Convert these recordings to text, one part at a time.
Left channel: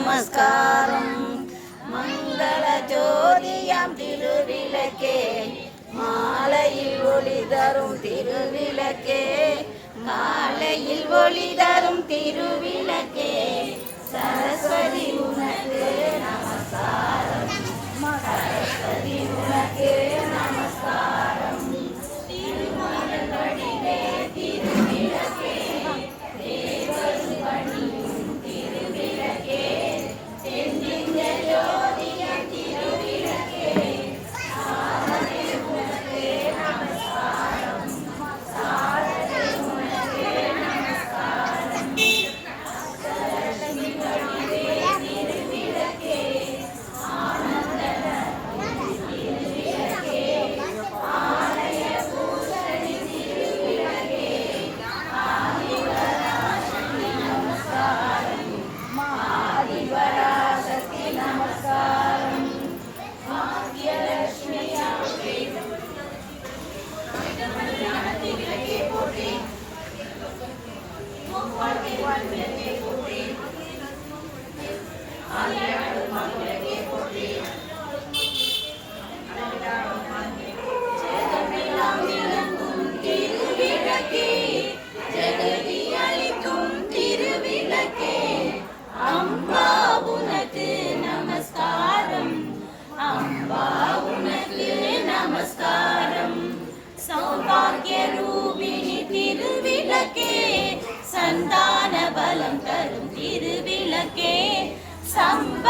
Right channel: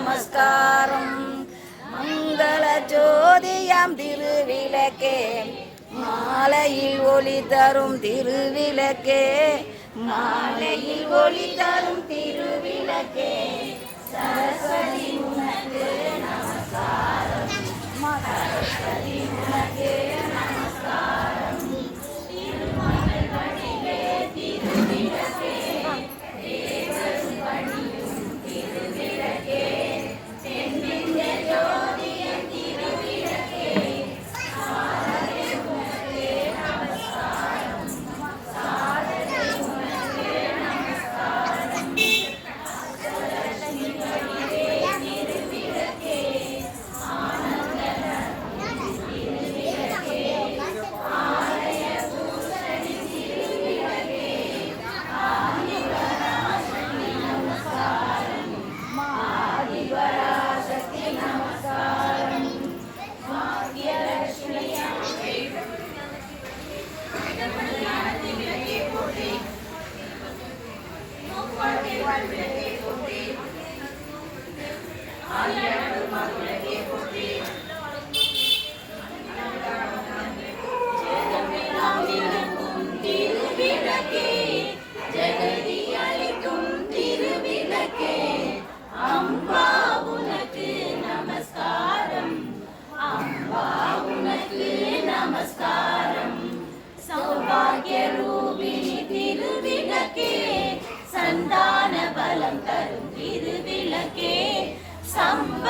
நமஸ்காரம். மங்கள ஜோதியம் திருவிளக்கே. மாலையில் ஒளி தரும் திருவிளக்கே. மாலையில் ஒளி தரும் திருவிளக்கே. சரஸ்வதி உனக்கு நமஸ்காரம். சரஸ்வதி உனக்கு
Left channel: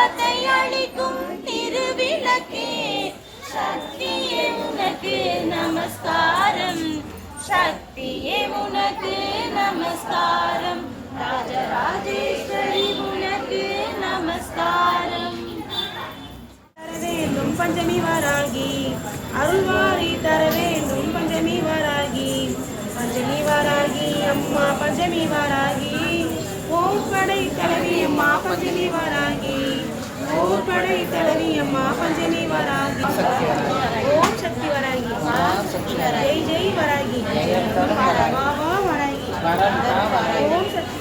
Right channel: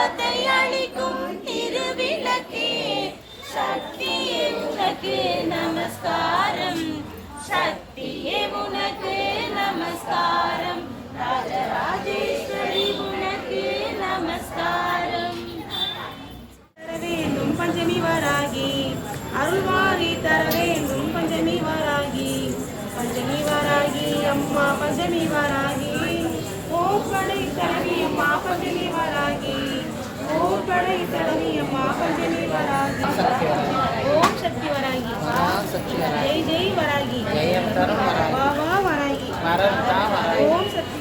சம்பத்தை அளிக்கும் திருவிளக்கே. சக்தி உனக்கு நமஸ்காரம். சக்தியே உனக்கு நமஸ்காரம். ராஜராஜேஸ்வரி உனக்கு நமஸ்காரம். தர வேண்டும் பஞ்சமி வராகி. அருள்வாரி தர வேண்டும் பஞ்சமி வராகி. பஞ்சமி வராகி அம்மா பஞ்சமி வராகி. ஓப்படை தலைவி ஓப்படை தலைவி பஞ்சமி வராகி ஓம் சக்தி வராகி ஜெய் ஜெய் வராகி வா வா வராகி ஓம் சக்தி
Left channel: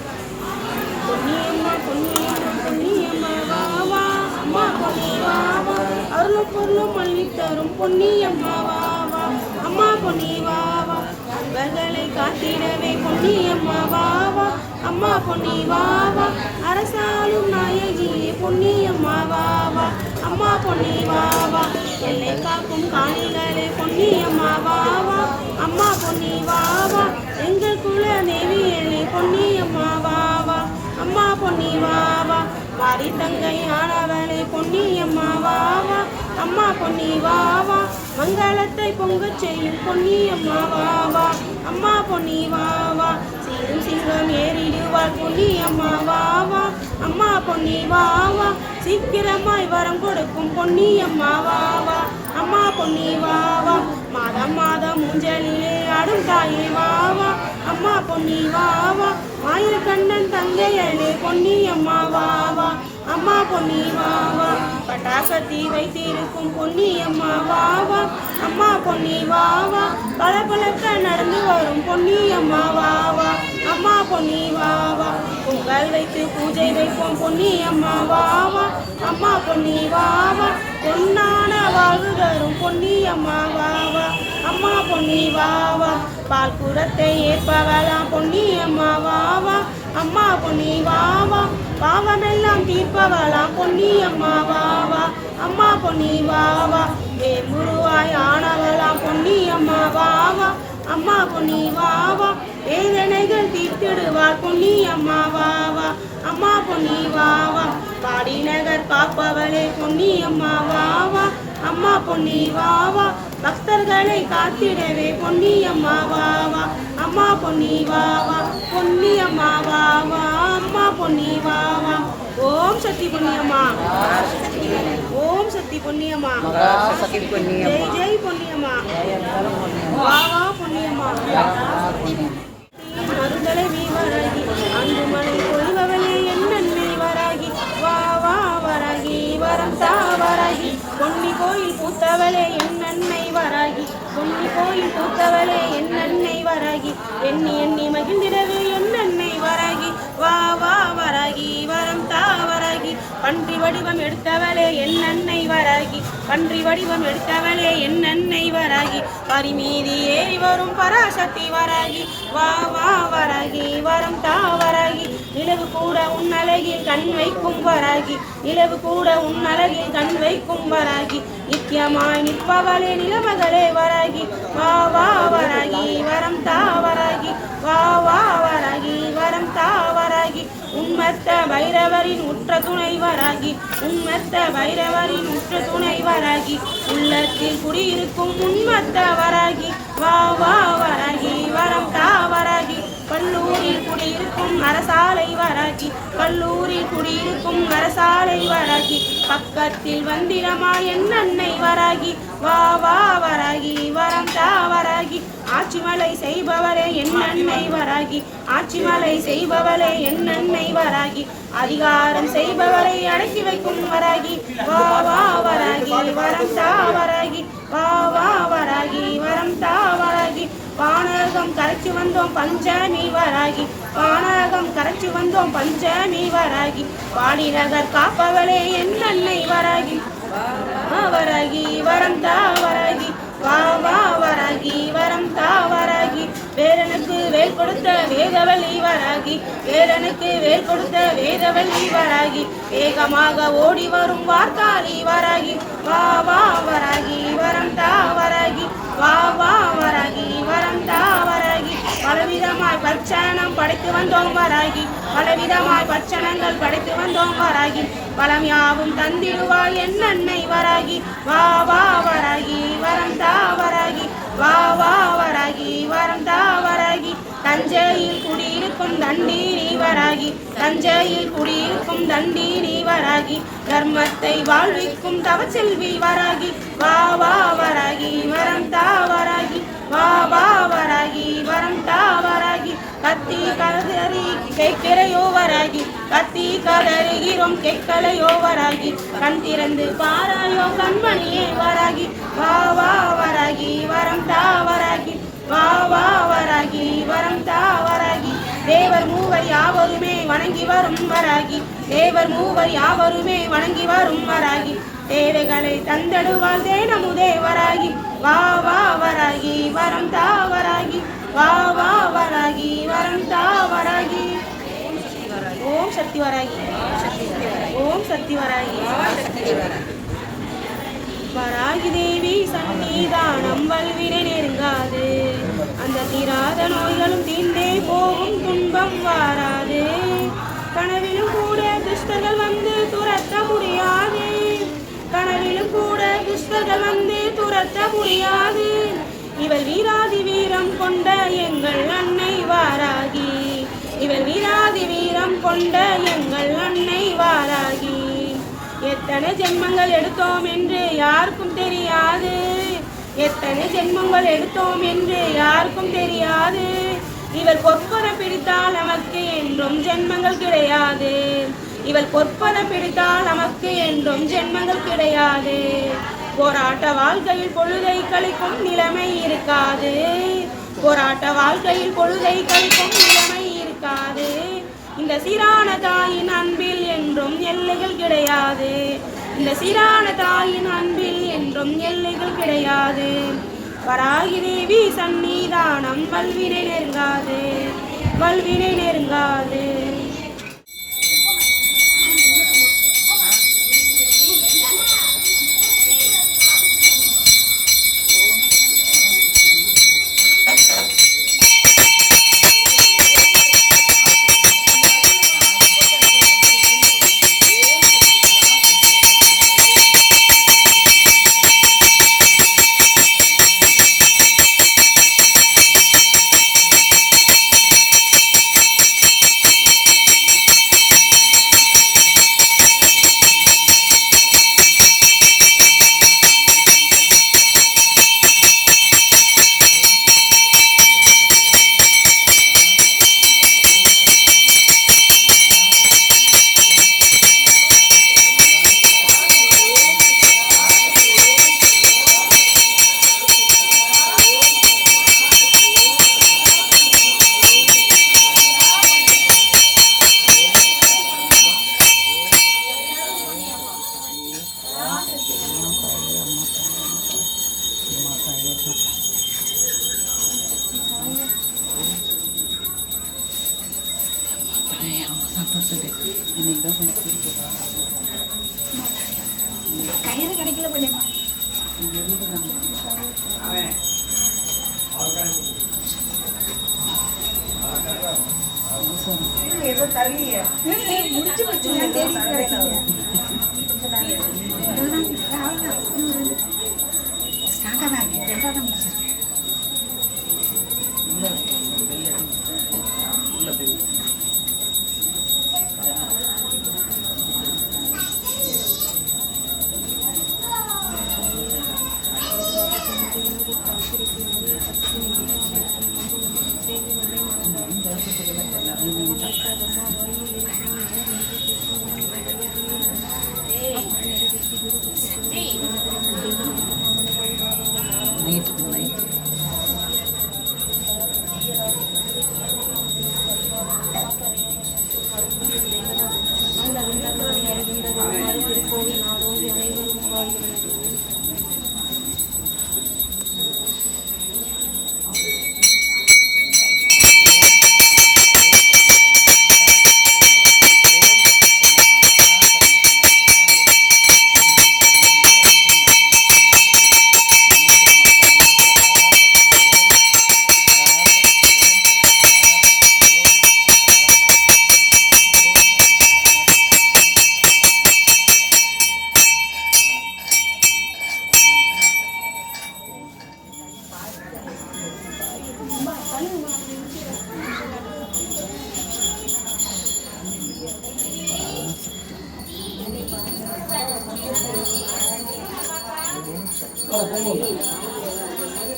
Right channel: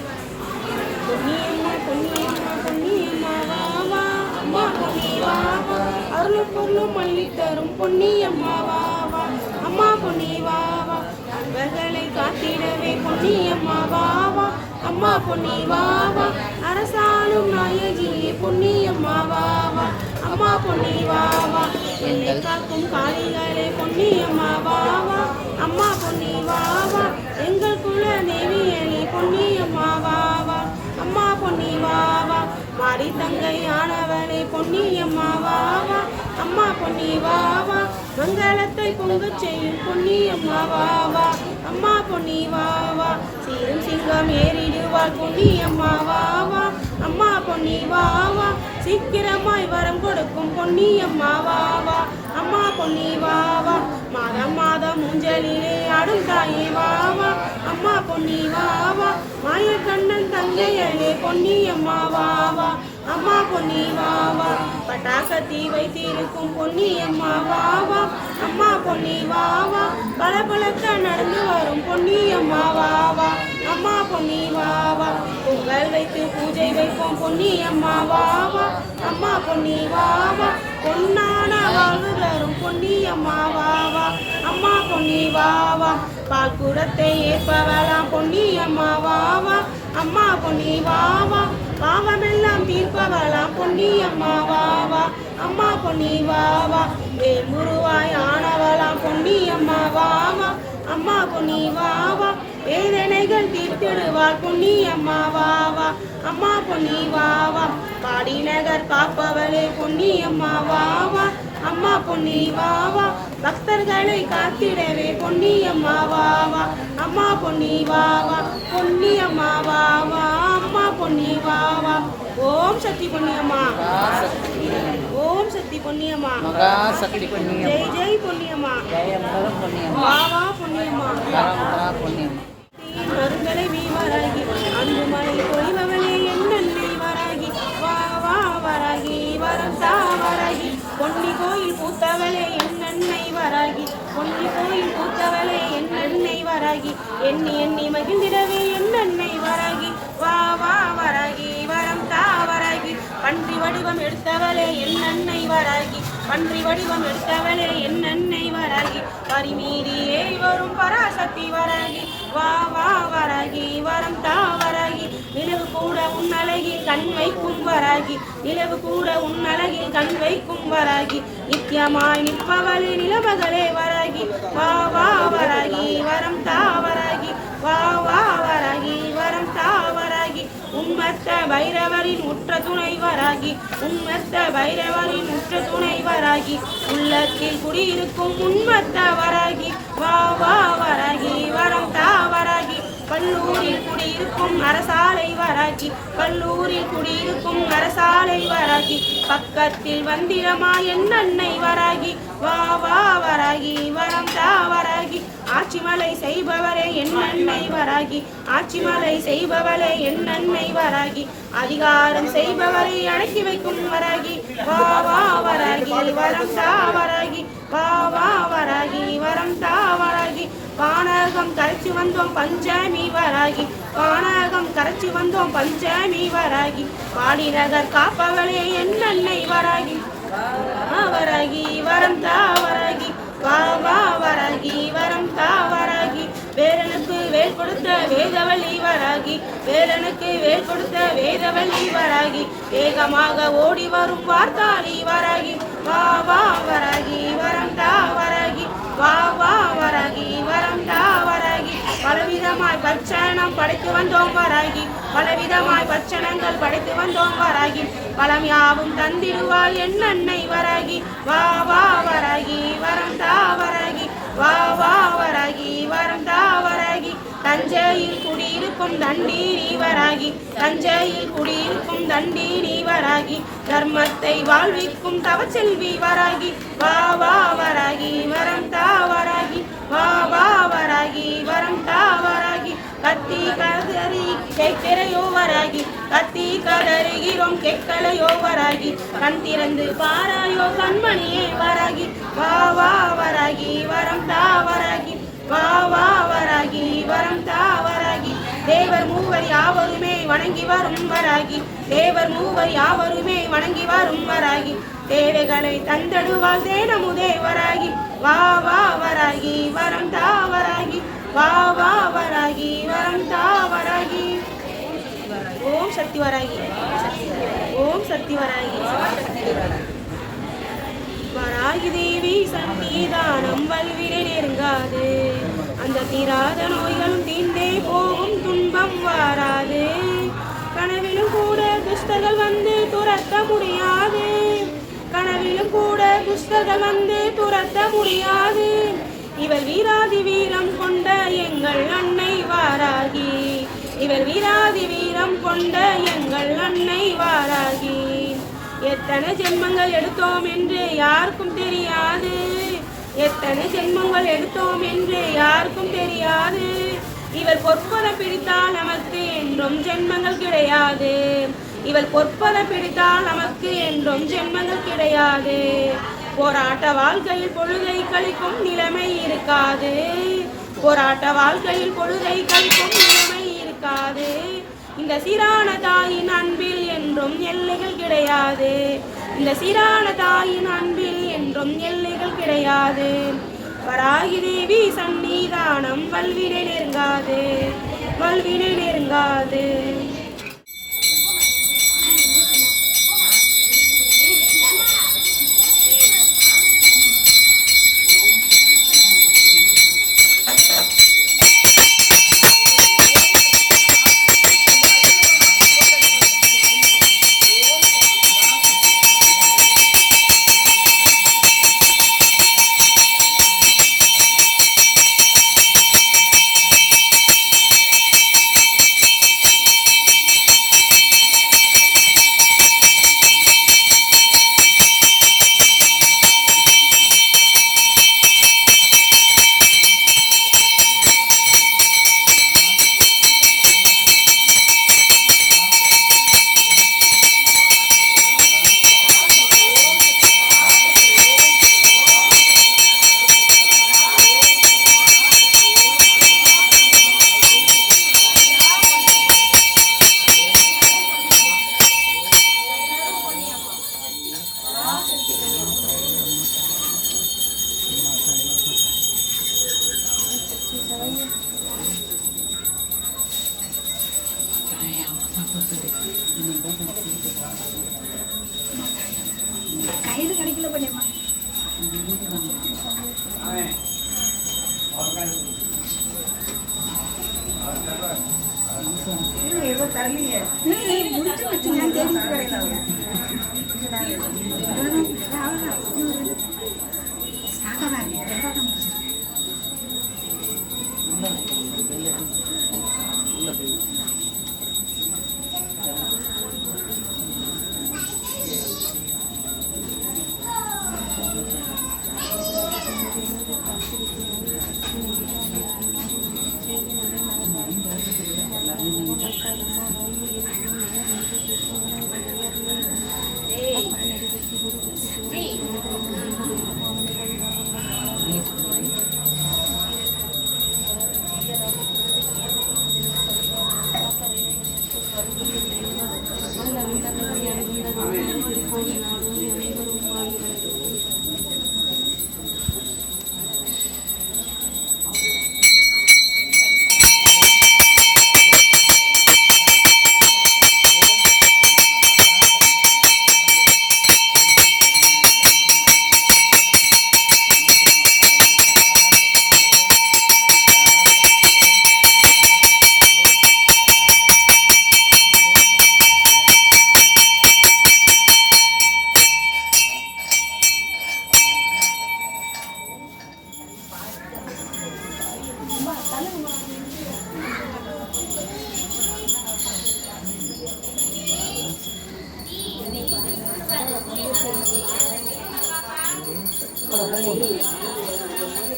பொன்னியம்மா பொன்னியம்மா பொன்னியம்மா வா வா அம்மா பொன்னி வா வா அருளும் பொருளும் பொன்னியம்மா வா வா அம்மா பொன்னி வா வா காத்திடவே பொன்னியம்மா வா வா அம்மா பொன்னி வா வா நாயகியே பொன்னியம்மா வா வா அம்மா பொன்னி வா வா காக்கும் காணிகளே பொன்னியம்மா வா வா அம்மா பொன்னி வா வா எங்கள் குல தேவியலே பொன்னியம்மா வா வா அம்மா பொன்னி வா வா மாரி தங்கை ஆனவளே பொன்னியம்மா வா அம்மா பொன்னி வா வா மங்களத்தை பொங்கச் செய்யும் பொன்னி அம்மா வா வா. அம்மா பொன்னி வா வா. சீரும் சிங்கம் ஏறிடுவாள் பொன்னி அம்மா வா வா. அம்மா பொன்னி வா வா. சீக்கிரமாய் வரம் கொடுக்கும் பொன்னி அம்மா வா வா. அம்மா பொன்னி வா வா. மாதம் மாதம் மூஞ்சலிலே ஆடும் தாயே வா வா. அம்மா பொன்னி வா வா. மாய கண்ணன் தங்கையளே பொன்னி அம்மா வா வா. அம்மா பொன்னி வா வா வைத்திருக்கும் பொன்னி அம்மா வா வா அம்மா பொன்னி வா வா பளபளக்க நடந்து வரும் பொன்னி அம்மா வா அம்மா பொன்னி வா பொங்கல் வைத்து பூஜை வைப்போம் பொன்னி அம்மா வா அம்மா பொன்னி வா பொன்னான வாழ்வு தரும் பொன்னி அம்மா வா அம்மா பொன்னி வா பால் குடத்தை ஏற்பவளாம் பொன்னி அம்மா வா அம்மா பொன்னி வா பாவமெல்லாம் தீர்ப்பவளாம். பொன்னி அம்மா வா வா. அம்மா பொன்னி வா வா. குருவாய் ஆனவளாம். பொன்னி அம்மா வா வா. அம்மா பொன்னி வா வா. வேதனைகள் தீர்த்திடுவார் பொன்னி அம்மா வா வா. அம்மா பொன்னி வா வா. பாடி நகர் காப்பவளே பொன்னி அம்மா வா வா. அம்மா பொன்னி வா வா. பக்தர்களை காத்திடவே பொன்னி அம்மா வா வா. அம்மா பொன்னி வா வா. பொன்னி அம்மா வா வா. அம்மா பொன்னி வா ஓம் சக்தி பொன்னியம்மா. ஓம் சக்தி பொன்னியம்மா. ஜெய் ஜெய் பொன்னியம்மா. வா வா பொன்னியம்மா. அருந்தலை வீவராகி அன்பு மலை பொழிபவளே என் நன்மை வராகி. வா வா வராகி. வரம் தா வராகி. பொன்னி கோயில் பூத்தவளே என் நன்மை வராகி. பொன்னி கோயில் பூத்தவளே என் நன்மை வராகி. எண்ணி எண்ணி மகிழ்ந்திடவே என் நன்மை வராகி. பன்றி வடிவம் எடுத்தவளே என் அன்னை வராகி. பன்றி வடிவம் எடுத்தவளே என் அன்னை வராகி. பரிமீதி ஏறி வரும் பராசக்தி வராகி. வா வா வராகி. வரம் தா வராகி. நிலவு கூட உன் அழகில் கண் வைக்கும் வராகி. நிலவு கூட உன் அழகில் கண் வைக்கும் வராகி. நித்தியமாய் நிற்பவளே நிலமகளே வராகி. வா வா வராகி. வரம் தா வராகி. வா வா வராகி. வரம் தா வராகி. உம்மத்த பைரவரின் உற்ற துணை வராகி உம்மத்த பைரவரின் உற்ற துணைவராகி உள்ளத்தில் குடியிருக்கும் உண்மத்த வராகி வா வா வராகி வரம் தாவராகி பல்லூரில் குடியிருக்கும் அரசாலை வராகி கல்லூரில் குடியிருக்கும் அரசாலை வராகி பக்கத்தில் வந்திரமா என் அன்னை வராகி வா வா வராகி வரம் தா வராகி ஆட்சிமலை செய்பவரே என் நன்மை வராகி. ஆட்சிமலை செய்பவளே என் நன்மை வராகி. அதிகாரம் செய்பவரை அடக்கி வைக்கும் வராகி. வா வா வராகி. வரம் தா வராகி. வா வா வராகி. வரம் தா வராகி. வானகம் கரைச்சி வந்தோம் பஞ்சமி வராகி. வானகம் கரைச்சி வந்தோம் பஞ்சமி வராகி. பாடிநகர் காப்பவளே என் நன்மை வராகி. வராகி. வரம் தா வராகி. வா வா வராகி வரம் தா வராகி. வேலனுக்கு வேல் கொடுத்த வேதவள்ளி வராகி. வேலனுக்கு வேல் கொடுத்த வேதவள்ளி வராகி. வேகமாக ஓடி வரும் வார்த்தாளி வராகி. வா வா வராகி வரம் தா வராகி. வா வா வராகி வரம் தா வராகி. பலவிதமாய் பச்சனம் படைத்து வந்தோம் வராகி. பலவிதமாய் பச்சனங்கள் படைத்து வந்தோம் வராகி. பலம் யாவும் தந்திடுவாள் என் அன்னை வராகி. வா வா வராகி. வரம் தா வராகி. வா வா வராகி. வரம் தா வராகி. தஞ்சையில் குடியிருக்கும் தண்டீரி வராகி. தஞ்சையில் குடியிருக்கும் தண்டீரி வராகி. தர்மத்தை வாழ்விக்கும் தவச்செல்வி வராகி. வா வா வராகி. வரம் தா வராகி. வா வா வராகி. வரம் தா கத்தி கதறி கேட்கிறையோ கத்தி கதறுகிறோம் கெக்கலையோவராகி கண் திறந்து பாராயோ கண்மணியே வராகி. வா வா வராகி வரம் தாவராகி வா வா வராகி வரம் தாவராகி தேவர் மூவர் யாவருமே வணங்கி வரும் வராகி. தேவர் மூவர் யாவருமே வணங்கி வரும் வராகி. தேவைகளை தந்தடுவாள் தேனமுதே வராகி. வா வா வராகி வரம் தாவராகி வா வா வராகி வரம் தா வராகி. ஓம் சக்தி வராகி. ஓம் சக்தி வராகி. வராகி தேவி சந்நிதானம் வல்வினை நெருங்காது. அந்த தீராத நோய்களும் தீண்டே போகும் துன்பம் வாராது. கனவிலும் கூட துஷ்டர்கள் வந்து துரத்த முடியாது. கனவிலும் கூட துஷ்டர்கள் வந்து துரத்த முடியாது. இவள் வீராதி வீரம் கொண்ட எங்கள் அன்னை வாராகி. இவள் வீராதி வீரம் கொண்ட எங்கள் அன்னை வாராகி. எத்தனை ஜென்மங்கள் எடுத்தோம் என்று யாருக்கும் தெரியாது. எத்தனை ஜென்மங்கள் எடுத்தோம் என்று யாருக்கும் தெரியாது. இவள் பொற்பதம் பிடித்தால் நமக்கு என்றும் ஜென்மங்கள் கிடையாது. இவள் பொற்பதம் பிடித்தால் நமக்கு என்றும் ஜென்மங்கள் கிடையாது. போராட்ட வாழ்க்கையில் பொழுதை கழிக்கும் நிலைமை இருக்காது. போராட்ட வாழ்க்கையில் பொழுதை கழிக்கும் நிலைமை இருக்காது. இந்த சீரான தாயின் அன்பில் என்றும் எல்லைகள் கிடையாது. இந்த சீரான தாயின் அன்பில் என்றும் எல்லைகள் கிடையாது. வராகி தேவி சந்நிதானம் வல்வினை நெருங்காது. வல்வினை நெருங்காது.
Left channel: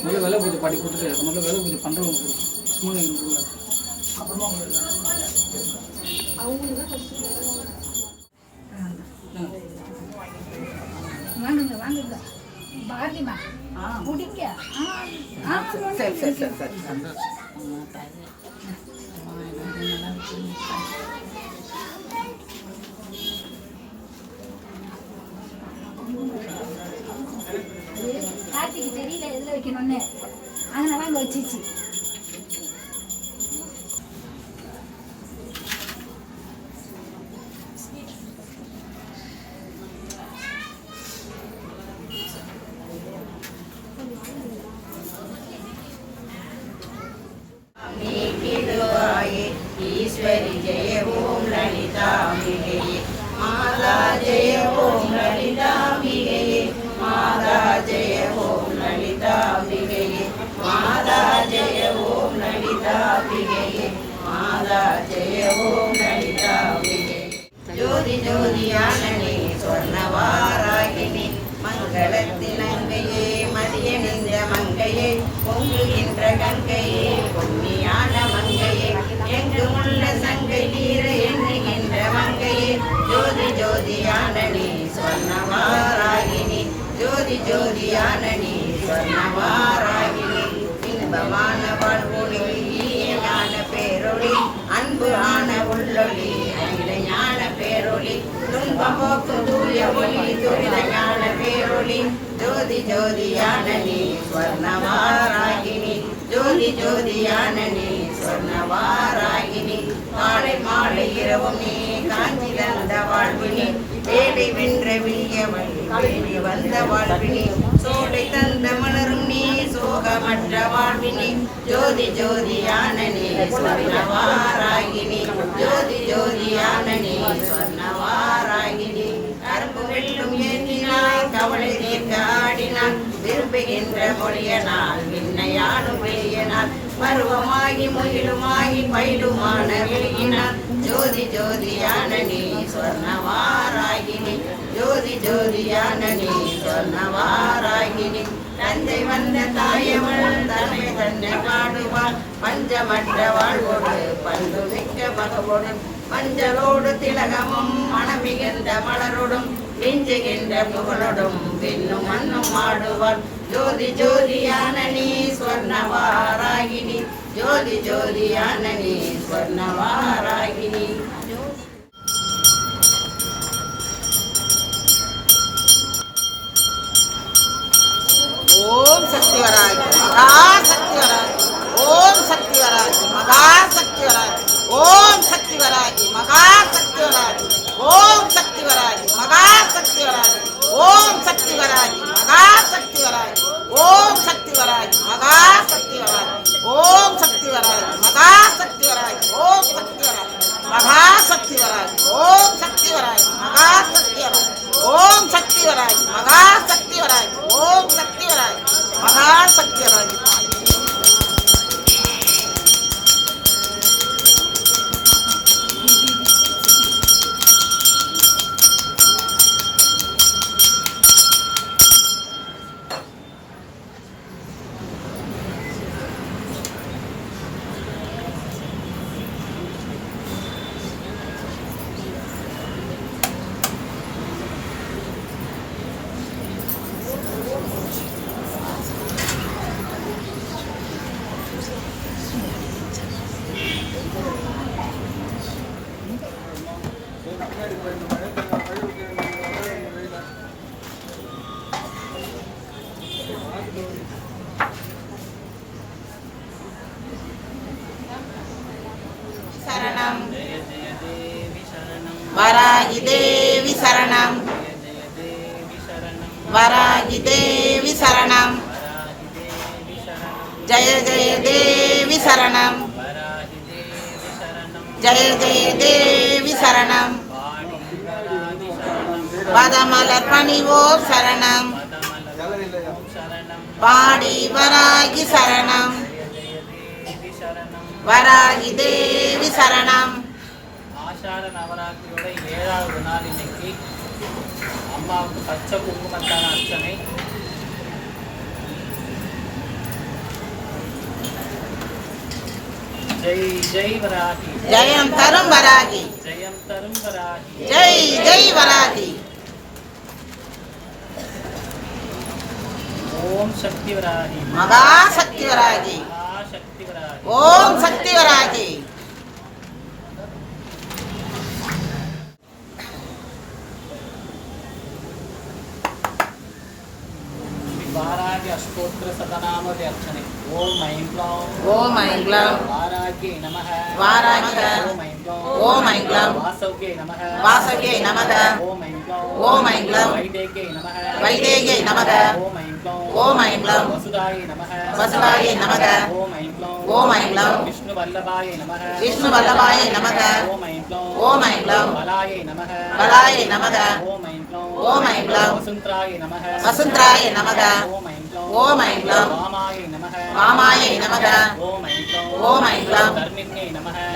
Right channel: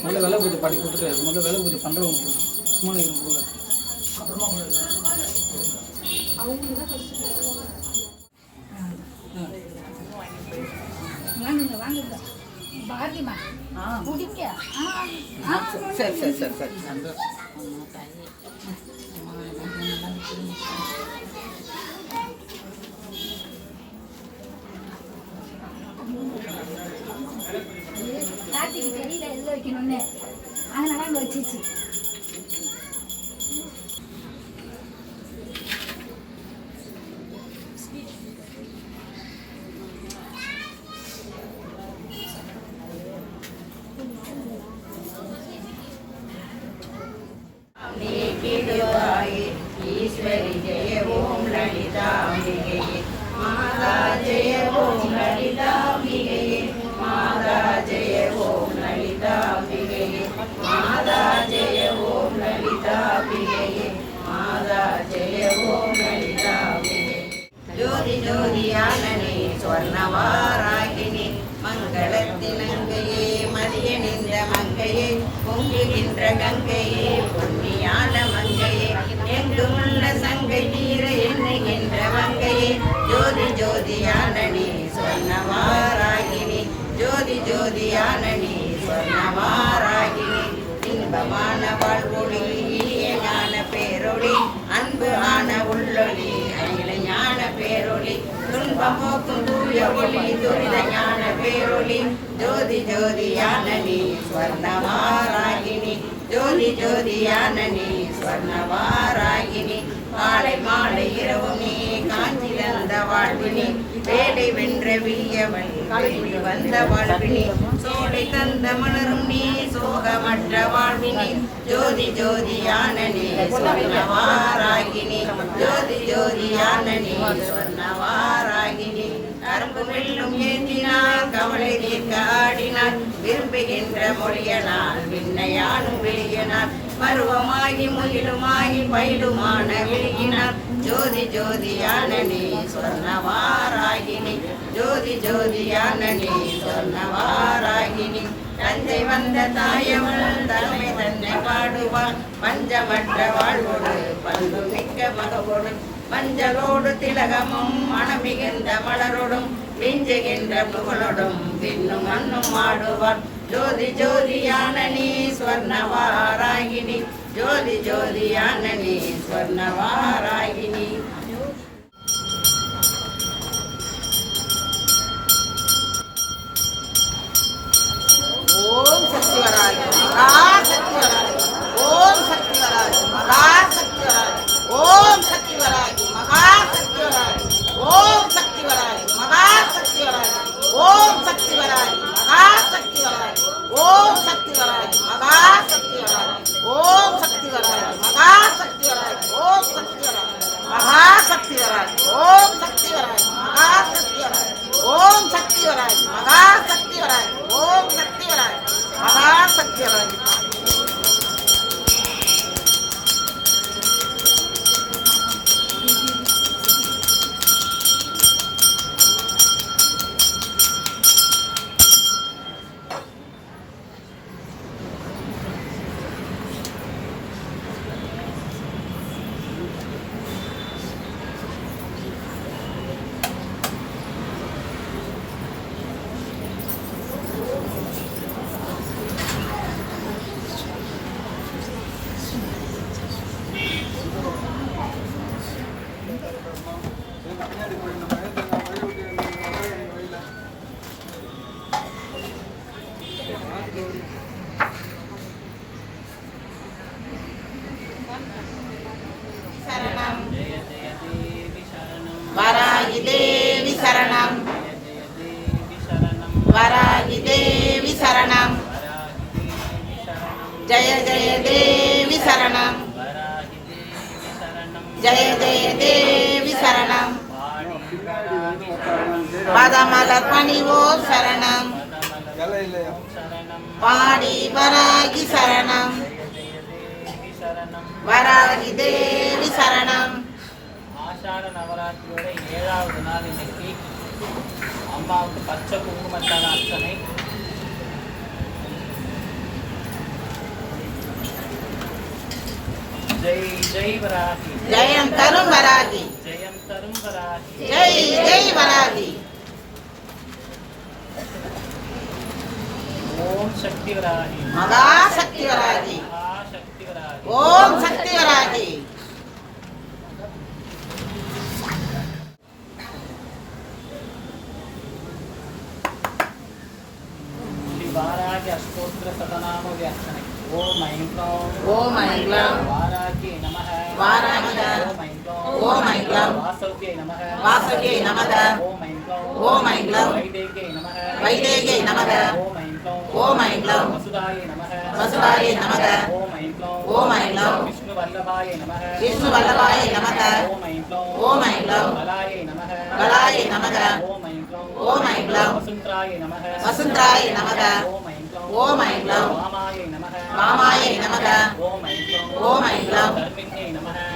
முதல்ல விலை பூஜை பாட்டி கொடுத்துட்டு முதல்ல விலை பூஜை பண்ணுறவங்க கொடுக்கும் சும்மா எனக்கு அப்புறமா வாங்குங்க வாங்குங்க ஆ ஆ சரி சரி சரி சரி அந்த வைக்கணும்னு அதனால அங்கே வச்சிச்சு ஜோதி ஜோதியானனே சொர்ணவாராகினி மங்களத்தின் மங்கையே பொங்குகின்ற கங்கையே பொன்னியான மங்கையே. எங்கும் உள்ள சங்கை நீர எண்ணுகின்ற மங்கையே. ஜோதி ஜோதியானனி சொன்னவாராகினி ஜோதி ஜோதியானனி சொன்னவாராகினி இன்பமான வாழ்வொளி ஈயனான பேரொளி அன்பு ஆன உள்ளொளி துன்பம் தூய ஒளி துரித ஞான பேரொளி ஜோதி ஜோதியான நீ ஸ்வர்ணவாராகினி. ஜோதி ஜோதியான நீ ஸ்வர்ணவாராகினி. மாலை மாலை இரவு நீ காஞ்சி தந்த வாழ்வினி வேலை வென்ற வீயவள் வந்த வாழ்வினி. சோலை தந்த மலரும் நீ சோகமற்ற வாழ்வினி. ஜோதி ஜோதியான நீ ஸ்வர்ணவாராகினி. ஜோதி ஜோதியான நீ சொன்னவாராகினி புகழும் ஏந்தினாய் கவலை தீர்க்க ஆடினான் விரும்புகின்ற மொழியனால் விண்ணையானும் வெளியனான் பருவமாகி முயிலுமாகி பயிலுமான வெளியினான் ஜோதி ஜோதியான நீ சொன்னவாராகினி ஜோதி ஜோதியான நீ சொன்னவாராகினி தஞ்சை வந்த தாயவள் தன்னை தன்னை பாடுவாள். பஞ்சமற்ற வாழ்வோடு பண்பு மிக்க மகவோடு மஞ்சளோடு திலகமும் மனமிகுந்த மலரோடும். விஞ்சுகின்ற புகழோடும் விண்ணும் மண்ணும் ஆடுவார். ஜோதி ஜோதியான நீ ஸ்வர்ணவாராகினி. ஜோதி ஜோதியான நீ ஸ்வர்ணவாராகினி. ஓம் சக்தி மகா சக்தி ஓம் சக்தி மகா சக்தி ஓம் ஓம் சக்தி வராது மகா சக்தி வராது ஓம் சக்தி வராது மகா சக்தி வராது ஓம் சக்தி வராது மகா சக்தி வராது ஓம் சக்தி வராது மகா சக்தி வராது ஓம் சக்தி வராது மகா சக்தி வராது ஓம் சக்தி வராது மகா சக்தி வராது ஓம் சக்தி வராது மகா சக்தி வராது ஓம் சக்தி வராது மகா சக்தி வராது தேவி சரணம். பதமலர் பணிவோ சரணம். பாடி வராகி சரணம். வராகி தேவி சரணம். ஆஷாட நவராத்திரியோட ஏழாவது நாள் இன்னைக்கு அம்மாவுக்கு பச்சை குங்குமத்தான அர்ச்சனை. जय जय वराही जय अंतरम वराही जय अंतरम वराही जय जय वराही ओम शक्ति वराही मगा शक्ति वराही ओम शक्ति वराही स्तोत्र सतनाम व्याख्याने ओम ऐं क्लां ओम ऐं क्लां ஓம் ஐங்லம் வாசவ்யை நமக ஓம் ஐங்லம் வைதேகை நமக ஓம் ஐங்லம் வசுதாயை நமக ஓம் ஐங்லம் விஷ்ணு வல்லபாய நமக ஓம் ஐங்லம் வலாயை நமக ஓம் ஐங்லம் வசுந்தராய நமக வசுந்தராய நமக ஓம் ஐங்லம் ராமாய நமக. ஓம் ஐங்லம்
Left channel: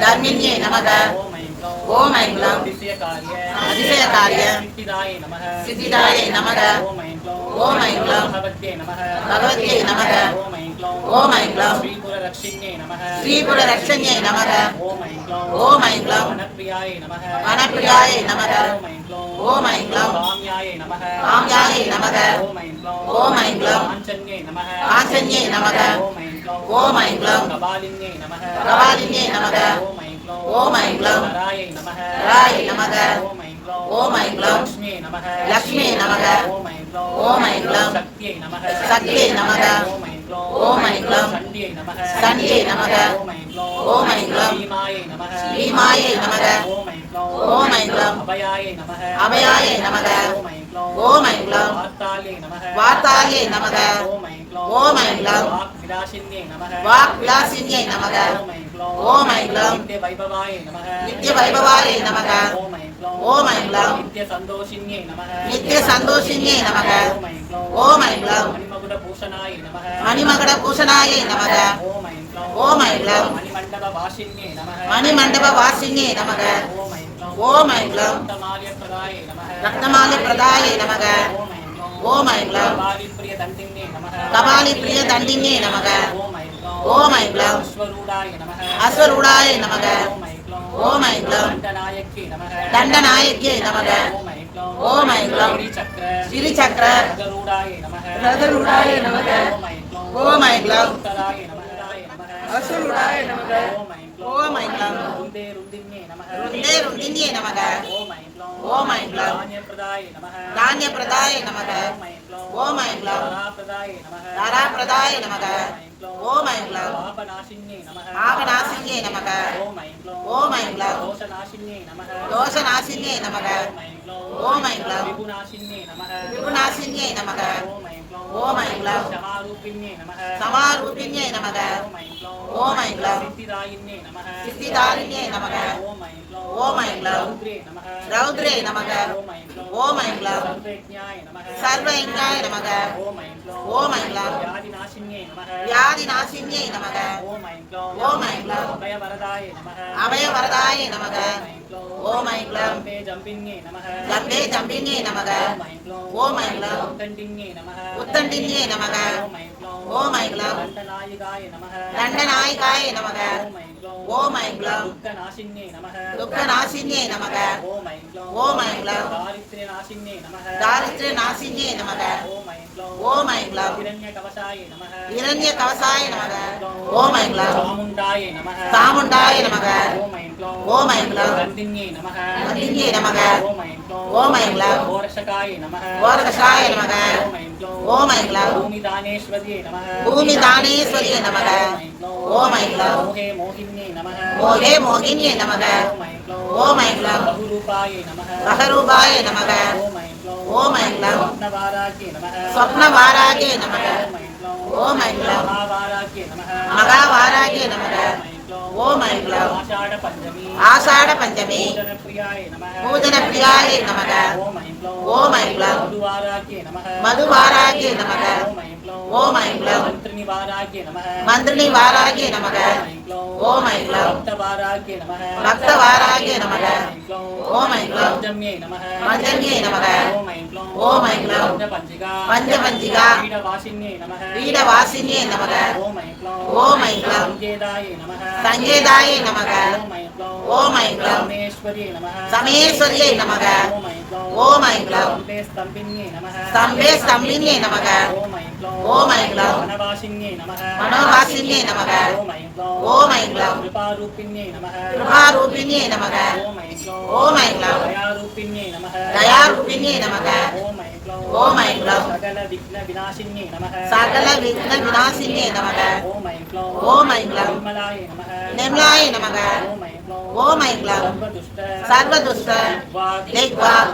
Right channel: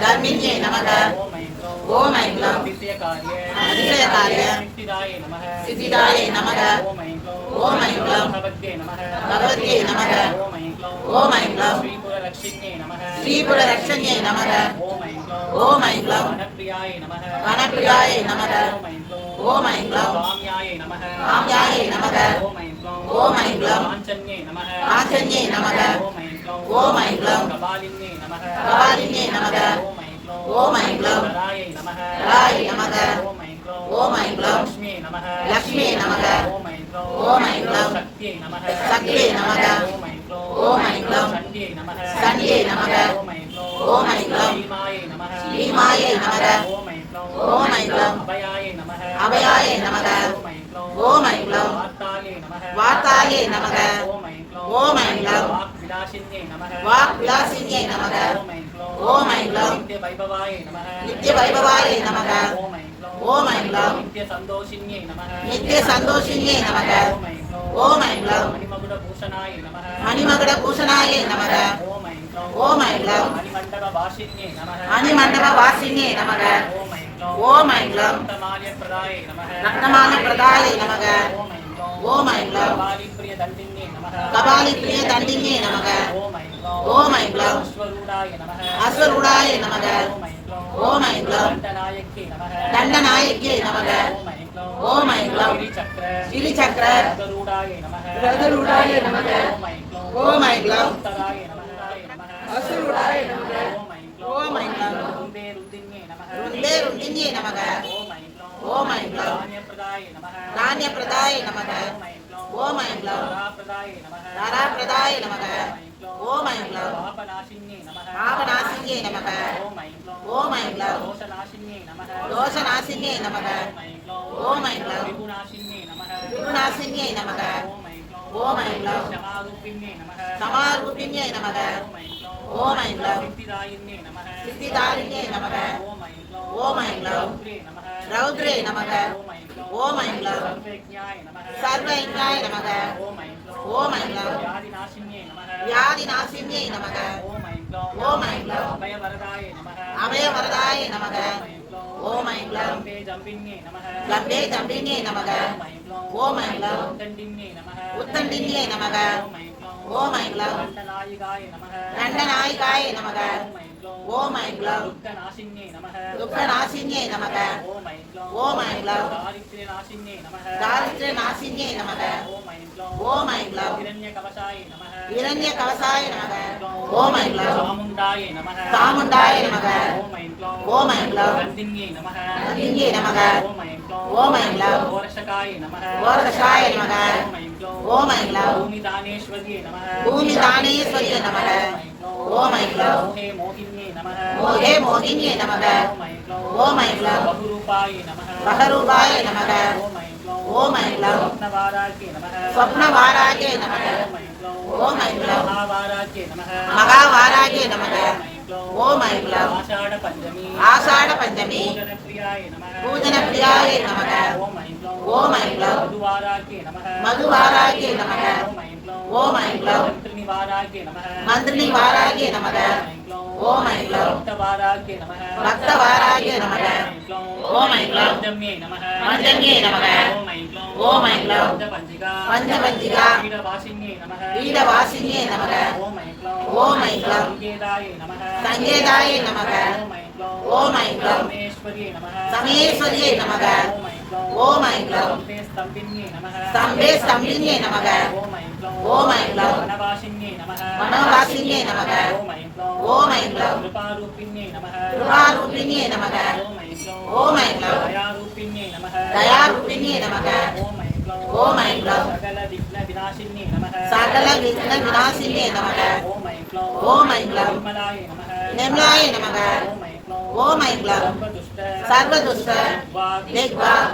தர்மின்யே நமக. ஓம் ஐங்லம் அதிசய காரிய சித்திதாய நமக. ஓம் ஐங்லம் பகவத்யே நமக. ஓம் ஐங்லம் ஸ்ரீபுர ரக்ஷண்யே நமக. ஓம் ஐங்லம் வனப்பிரியாய நமக. ஓம் ஐங்லம் ராம்யாய நமக. ஓம் ஐம் க்ளம் காஞ்சன்யே நமக ஓம் ஐம் க்ளம் கபாலிங்கே நமக ஓம் ஐம் க்ளம் ராயை நமக ஓம் ஐம் க்ளம் லக்ஷ்மியே நமக ஓம் ஐம் க்ளம் சக்தியே நமக ஓம் ஐம் க்ளம் சண்டியே நமக ஓம் ஐம் க்ளம் நமக ஓம் ஐம் க்ளம் அபயாயை நமக ஓம் ஐங்லம் வாத்தாயே நமக ஓம் ஐங்லம் வாக் விலாசின்யை நமக ஓம் ஐங்லம் நித்திய வைபவாயை நமக ஓம் ஐங்லம் நித்திய சந்தோஷின்யை நமக ஓம் ஐங்லம் மணிமகட பூஷணாயை நமக ஓம் ஐங்லம் மணிமண்டப வாசின்யை நமக ஓம் ரத்னமா பிரதாய நமக. ஓம் ஐங்லம் கபாலி பிரிய தண்டிங்கே நமக. ஓம் ஐங்லம் அஸ்வருடாய நமக. ஓம் ஐங்லம் தண்டநாயக்கே நமக. ஓம் ஐங்லம் கிரிச்சக்கர ரதருடாய நமக. ஓம் ஐங்லம் அசுருடாய நமக. ஓம் ஐங்லம் ருந்தே ருந்திங்கே நமக. ருந்தே ருந்திங்கே நமக. ஓம் ஐங்லோ தானிய பிரதாய நமக ஓம் ஐங்லோ தாரா பிரதாய நமக ஓம் ஐங்லோ ஆபநாசிங்கே நமக ஓம் ஐங்லோ தோஷநாசிங்கே நமக ஓம் ஐங்லோ விபுநாசிங்கே நமக ஓம் ஐங்லோ சமாரூபிணியே நமக ஓம் ஐங்லோ சித்திதாரிணியே நமக ஓம் ஐங்லோ ரௌத்ரே நமக. ஓம் ஐங்லா சர்வ ஐங்காய நமக. ஓம் ஐங்லா வியாதி நாசின்யே நமக. ஓம் ஐங்லா அபய வரதாய நமக. ஓம் ஐங்லா கம்பே தம்பின்யே நமக. ஓம் ஐங்லா உத்தண்டின்யே நமக. ஓம் ஐங்லா தண்டநாயகாய நமக. ஓம் ஐங்லம் துக்க நாசின்யே நமக ஓம் ஐங்லம் தாரித்ர நாசின்யே நமக ஓம் ஐங்லம் இரண்ய கவசாய நமக ஓம் ஐங்லம் சாமுண்டாய நமக ஓம் ஐங்லம் நந்தின்யே நமக ஓம் ஐங்லம் ஓரதசாய நமக ஓம் ஐங்லம் பூமி தானேஸ்வரியே நமக ஓம் ஐங்லம் மோகி மோகே மோகினியே நமக. ஓம் ஐங்லம் பகரூபாய நமக. ஓம் ஐங்லம் ஸ்வப்னவாராஜே நமக. ஓம் ஐங்லம் மகாவாராஜே நமக. ஓம் ஐங்லம் ஆஷாட பஞ்சமி. பூஜன பிரியாய நமக. ஓம் ஐம் க்ளௌம் ஓம் ஐம் க்ளௌம் மதுவாராகே நமः மதுவாராகே நமக. ஓம் ஐம் க்ளௌம் ஓம் ஐம் க்ளௌம் மந்திரினிவாராகே நமः மந்திரிணி வாராகே நமக. ஓம் ஐம் க்ளௌம் ஓம் ஐம் க்ளௌம் பக்தவாராகே நமः பக்தவாராகே நமக. ஓம் ஐம் க்ளௌம் ஐம் க்ளௌம் பஞ்சம்யே நமः மஞ்சன்யே நமக. ஓம் ஐம் க்ளௌம் ஓம் ஐம் க்ளௌம் பஞ்சபஞ்சிகா பஞ்சபஞ்சிகா பீடவாசின்யே நமः வீடவாசின்யே நமக. ஓம் ஐம் க்ளௌம் ஓம் ஐம் க்ளௌம் சங்கேதாய நமः சங்கேதாய நமக. ஓம் ஐம் க்ளௌம் ஓம் ஐம் க்ளௌம் சமேஸ்வரியே நமः சமேஸ்வரியை நமக. ஓம் ஓம் க்ளௌம் ஸ்தம்பே ஸ்தம்பின்யே நமः ஸ்தம்பே ஸ்தம்பின்யே நமக ஓம் நமः மனோவாசின்யே நமக ஓம் நமः கிருபாரூபிண்யே நமக ஓம் நமः தயாரூபிண்யே நமக ஓம் க்ளௌம் சகல விக்ன விநாசின்யே நமக ஓம் நமः நிர்மலாய நமக ஓம் ஐம் சர்வதுஷ்ட சர்வதுஷ்ட திக்வாக்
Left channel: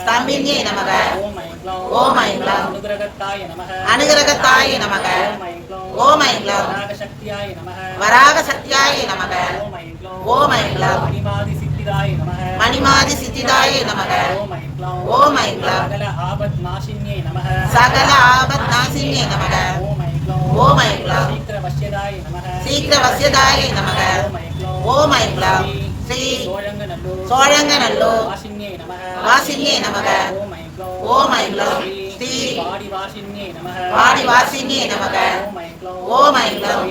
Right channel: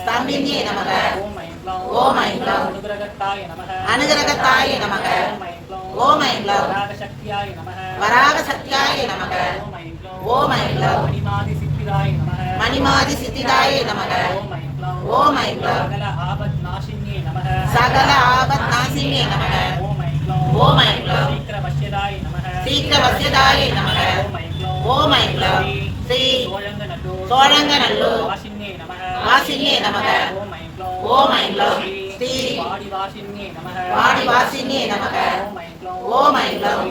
ஸ்தம்பின்யே நமக ஓம் ஐம் அனுகிரகத்தாய நமः அனுகிரகத்தாய நமக ஓம் ஐம் வராக சக்தியாய நமக ஓம் மணிமாதி சித்திதாய நமக சகல ஆபத் நாசின்யே நமக சீக்கிர வசியதாய சீக்கிர வசியதாய நமக ஓம் ஐம் க்ளௌம் ஓம் ஐம் க்ளௌம் ஸ்ரீ சோழங்கநல்லூர் சோழங்கநல்லூர் வாசின்யே நமः வாசின்யே நமக ஓம் ஐம் க்ளௌம் ஓம் ஐம் க்ளௌம்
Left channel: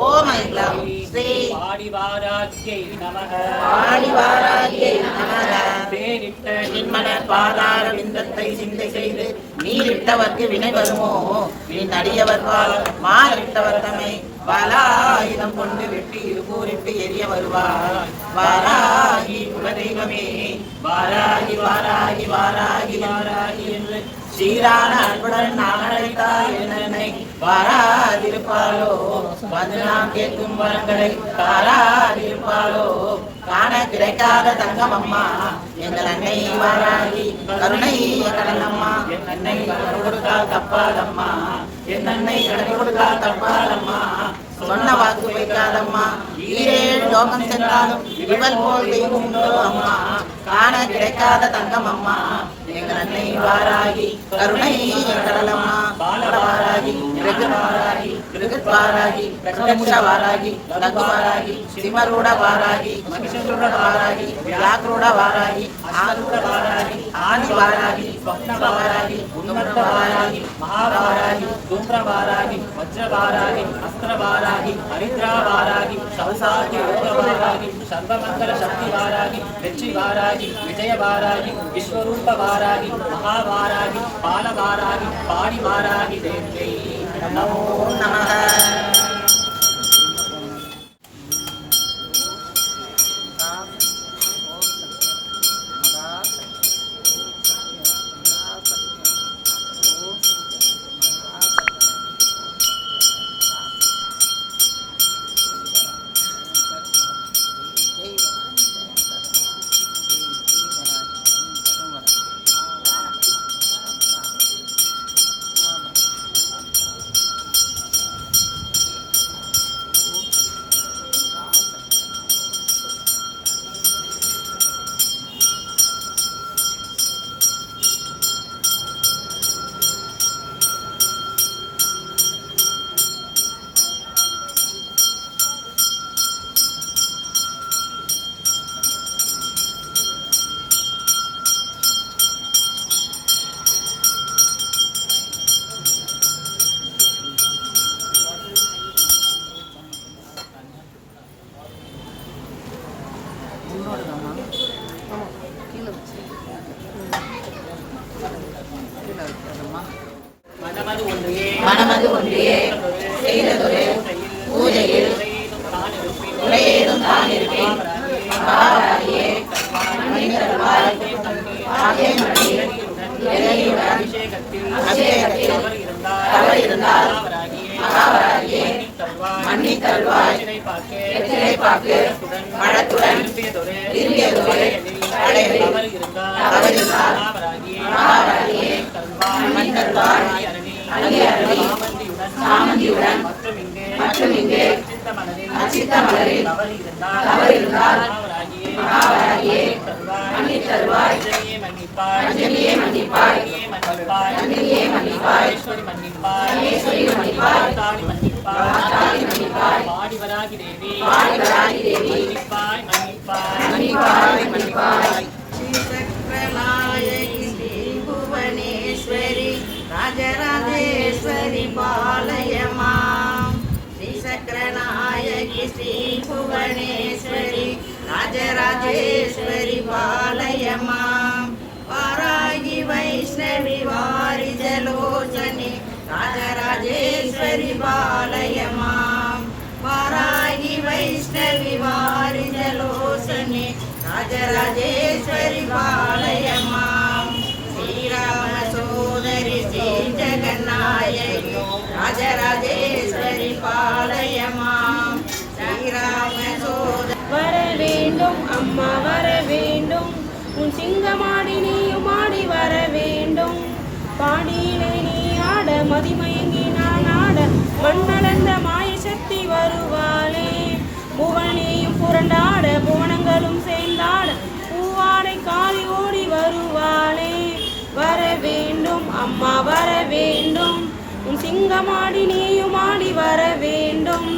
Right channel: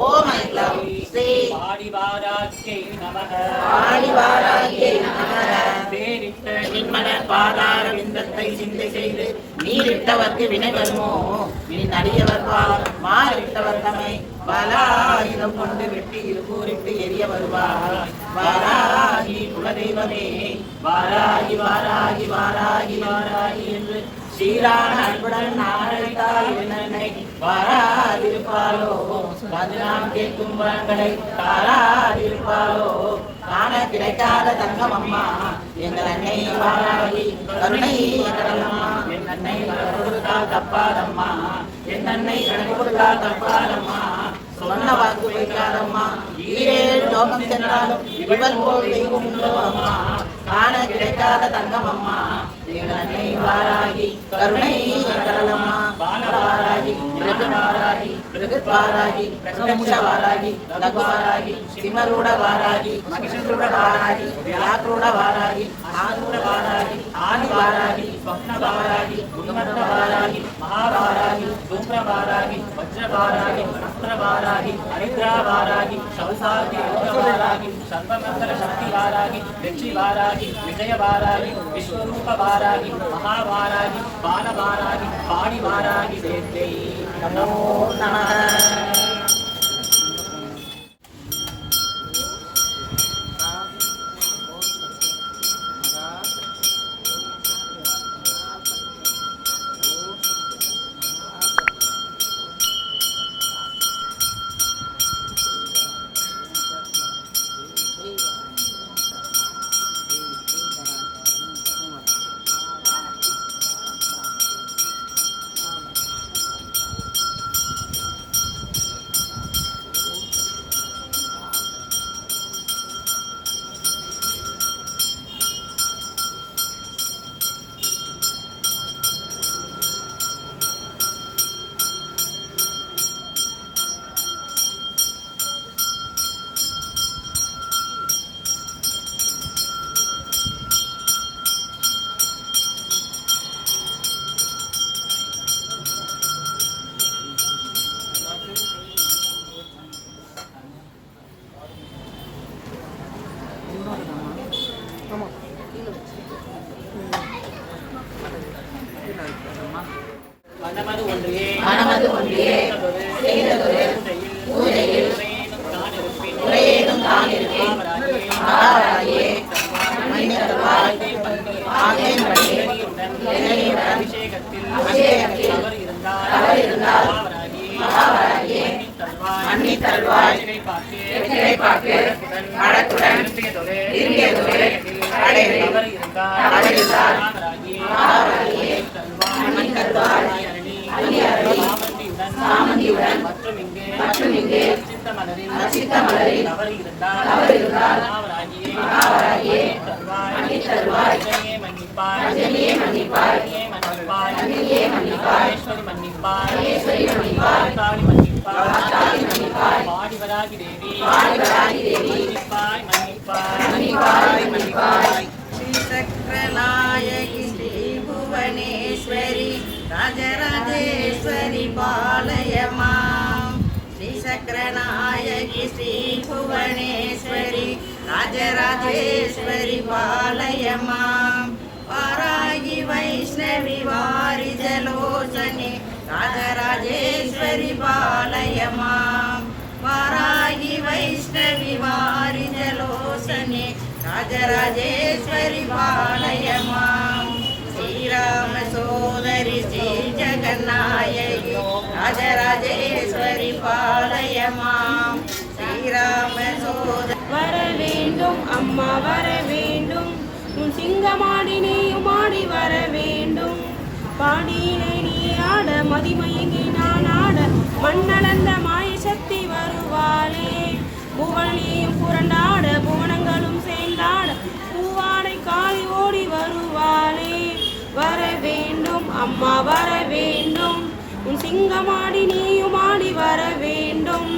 ஓம் ஸ்ரீ நமக நமக பேரிட்ட பாதார விந்தத்தை சிந்தை செய்து நீரிட்டவர்க்கு வினை வருமோ நீ நடியவர் பால் மாறிட்டவர் தம்மை பலாயுதம் கொண்டு வெட்டி இருகூரிட்டு எரிய வருவார் வாராகி குலதெய்வமே வாராகி வாராகி வாராகி வாராகி என்று சீரான அன்புடன் நாளைத்தால் என்னை வராதிருப்பாளோ வந்து நாம் கேட்கும் வளங்களை தாராதிருப்பாளோ? காண கிடைக்காத தங்கம் அம்மா எங்கள் அன்னை வாராதி. கருணை கடலம்மா என் அன்னை கடன் கொடுத்தால் தப்பாதம்மா. என் அன்னை கடன் கொடுத்தால் தப்பாதம்மா. சொன்ன வாக்கு வைக்காதம்மா ஈரேழு லோகம் சென்றாலும் இவள் போல் தெய்வம் உண்டோ அம்மா? காண கிடைக்காத தங்கம் அம்மா. எங்கள் அன்னை வாராகி கருணை கடலம்மா பாலவாராகி ஜெகன்வாராகி பிருகத்வாராகி பிரதமுஷவாராகி லகுவாராகி சிம்மரூட வாராகி மகிஷரூட வாராகி வியாக்ரூட வாராகி ஆரூட வாராகி ஆதி வாராகி ஸ்வப்ன வாராகி உன்னத வாராகி மகாவாராகி ருத்ர வாராகி வஜ்ர வாராகி அஸ்திர வாராகி ஹரித்ரா வாராகி சௌசாகி வாராகி சர்வமங்கல சக்தி வாராகி வெற்றி வாராகி விஜய வாராகி விஸ்வரூப வாராகி மகாவாராகி பால வாராகி பாடி வாராகி தேவை நமோ நமः செய்ததொரு அச்சம் இங்கே அச்சம் இங்கே அச்சித்த மலரில் அச்சித்த மலரில் தவறு இருந்தால் தவறு இருந்தால் மகாவராகியே மகாவராகியே தருவாய் மன்னிப்பாய் அஞ்சனியே மன்னிப்பாய் அணியே மன்னிப்பாய் அணியே மன்னிப்பாய் ஈஸ்வரி மன்னிப்பாய் ஈஸ்வரி மன்னிப்பாய் தாணி மன்னிப்பாய் தாணி மன்னிப்பாய் பாடிவராகி தேவி பாடிவராகி தேவி மன்னிப்பாய் மன்னிப்பாய் மன்னிப்பாய் மன்னிப்பாய் ஸ்ரீ சக்கரலாயை ஸ்ரீ புவனேஸ்வரி ராஜரா நாயகி ஸ்ரீ புவனேஸ்வரி ராஜராஜேஸ்வரி பாலயமா வாராகி வைஷ்ணவி வாரிஜலோசனி ராஜராஜேஸ்வரி பாலயமா வாராகி வைஷ்ணவி வாரிஜலோசனி ராஜராஜேஸ்வரி பாலயமா ஸ்ரீராம சோதரி ஸ்ரீ ஜெகநாயகி ராஜராஜே பாளையமாம். ஸ்ரீராம வர வேண்டும் அம்மா வர வேண்டும். உன் சிங்கமாடி நீயும் ஆடி வர வேண்டும். பாடியிலே நீ ஆட மதிமயங்கி நான் ஆட மண்ணளந்த மாய சக்தி வருவாளே. புவனியும் புரண்டாட புவனங்களும் சேர்ந்தாட பூவாடை காலி ஓடி வருவாளே. வர வேண்டும் அம்மா வர வேண்டும். சிங்கமாடி நீயுமாடி வர வேண்டும்.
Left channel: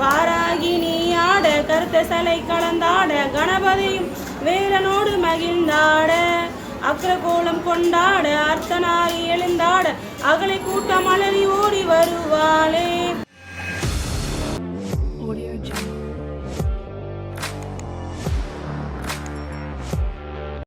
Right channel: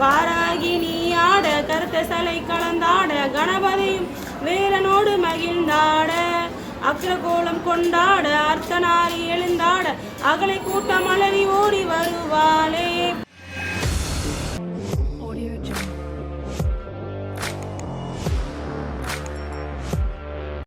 வாராகி நீ ஆட கருத்த சலை கலந்தாட கணபதியும் வேலனோடு மகிழ்ந்தாட. அக்ரகோலம் கொண்டாட அர்த்தனாரி எழுந்தாட அகலை கூட்டம் அலறி ஓடி வருவாளே.